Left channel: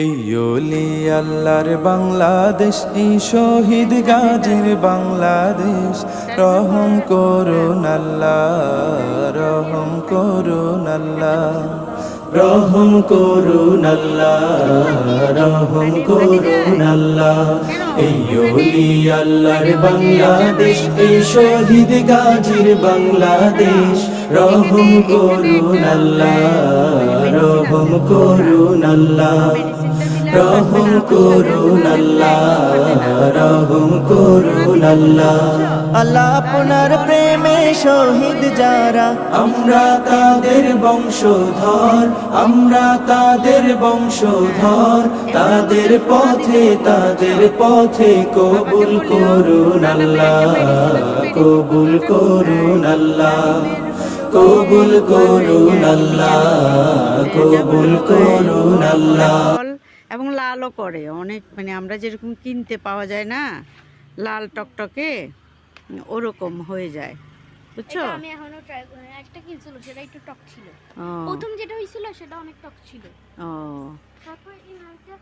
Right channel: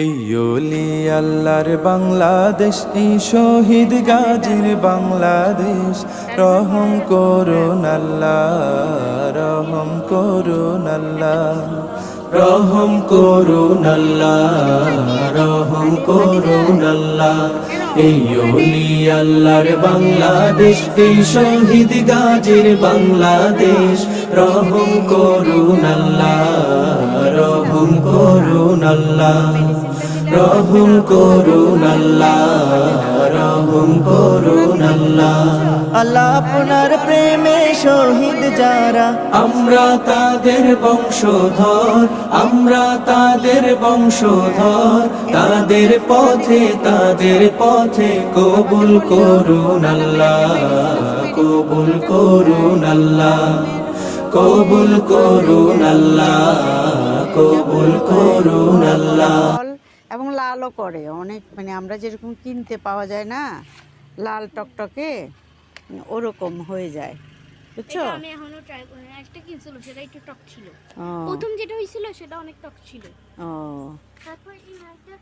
এই ওলি আল্লাহর বাংলাদেশ, এই শহীদ গাজীর বাংলাদেশ। রহম করুন আল্লাহ, রহম করুন আল্লাহ, রহম করুন আল্লাহ, রহম করুন আল্লাহ। এই ওলি আল্লাহর বাংলাদেশ, এই শহীদ গাজীর বাংলাদেশ। রহম করুন আল্লাহ, রহম করুন আল্লাহ, রহম করুন আল্লাহ, রহম করুন আল্লাহ। আল্লাহ আপনার প্রেমে শহীদ যারা, আমরা তাদের বংশধর, আমরা তাদের বংশধর। তাদের পথে কবুল করুন আল্লাহ, কবুল করুন আল্লাহ, কবুল করুন আল্লাহ, কবুল করুন আল্লাহ। এবং লালও করে অনেক, মানে আমরা যেরকম কিনতে পাওয়া যায় না লাল টকটকে, ওরকম হয়ে যায়, বুঝছো? এটা আমি এখনো ট্রাই করি না। একটা কিনছিল সেটা একটু টক ছিল, প্রথম যেটা হইছিল সেটা অনেক টক ছিল। ও তারপর এই নাইটা